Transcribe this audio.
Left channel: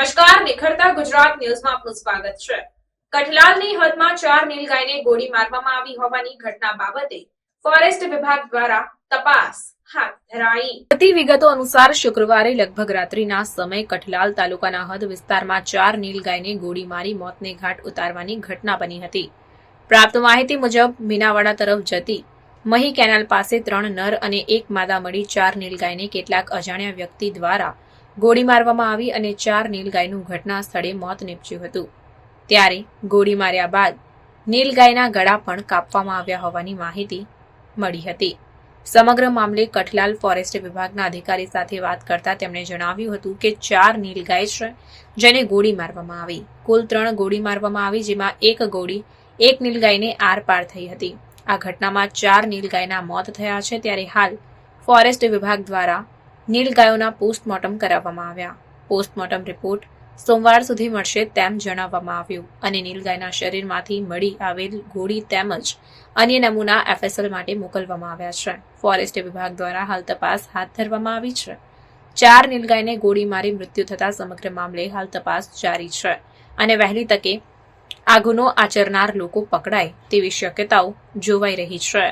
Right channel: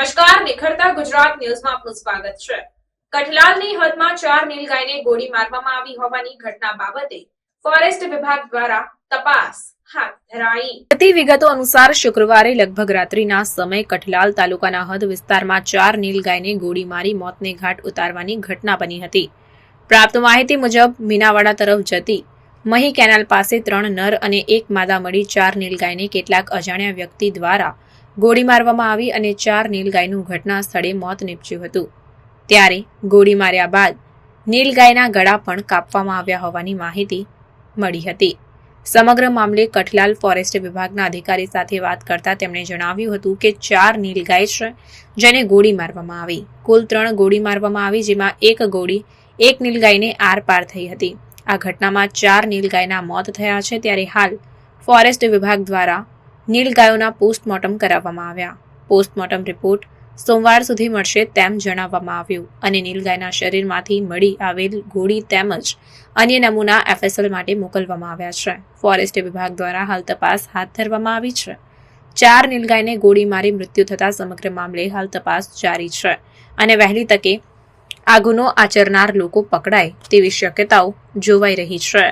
વાર્તા ગુજરાત ન્યૂઝમાં આપનું સ્વાગત છે. કઠલાલની હદમાં ચાર નીલગાયને ગોળી મારવામાં આવી હોવાની ઘટના બાબતે ફોરેસ્ટ વિભાગ દ્વારા તપાસ વિગતો અનુસાર શુક્રવારે લગભગ રાત્રિના સમય કઠલાલ તાલુકાના હદ વિસ્તારમાં ચાર નીલગાયને ગોળી મારી મોતને ઘાટ ઉતારવાની ઘટના બની હતી. પ્રાપ્ત માહિતી મુજબ, મીનાવાડા તરફ જતી મહી કેનાલ પાસે ત્રણ નર અને એક માદા મળી ચાર નીલગાયને કેટલાક અજાણ્યા વ્યક્તિ દ્વારા ગોળી મારવામાં આવી અને ચાર નીલગાયનું ઘટના સ્થળે મોત નીપજ્યું હતું. ત્યારે ગોળી માર્યા બાદ નીલગાયના ગળા પણ કાપવામાં આવ્યા હોવાની માહિતી મળી હતી. સમગ્ર મામલે કઠલાલ ફોરેસ્ટ વિભાગના અધિકારી સાથે વાત કરતા તેમણે જણાવ્યું હતું કે ચાર નીલગાય છે જેને ગોળી મારવામાં આવી. કુલ ત્રણ ગોળી મારવામાં આવી, જેમાં એક ગોળી એક નીલગાયને આરપાર થઈ હતી. આ ઘટનામાં ચાર નીલગાયના મોત થયા છે. ત્યારે હાલ ફોરેસ્ટ વિભાગ દ્વારા નીલગાયોના પોસ્ટમોર્ટમ કરાવવામાં આવ્યા. પોસ્ટમોર્ટમ રિપોર્ટ સોમવાર સુધી મળશે તેમ જણાવવામાં આવ્યું અને નીલગાયના શરીરમાંથી મળી આવેલ ગોળી તેમજ અન્ય નમૂના એફએસએલ માટે મોકલવામાં આવ્યા છે. ફોરેસ્ટ વિભાગ દ્વારા હાલ તપાસ હાથ ધરવામાં આવી છે. ચાર નીલગાયને ગોળી મારી મૃત્યુ થતા સમગ્ર મામલે હાલ તપાસ જારી છે અને વહેલી તકે આ ગુનો આચરનાર લોકો પકડાય તેવી શક્યતાઓ જોવાઈ રહી છે.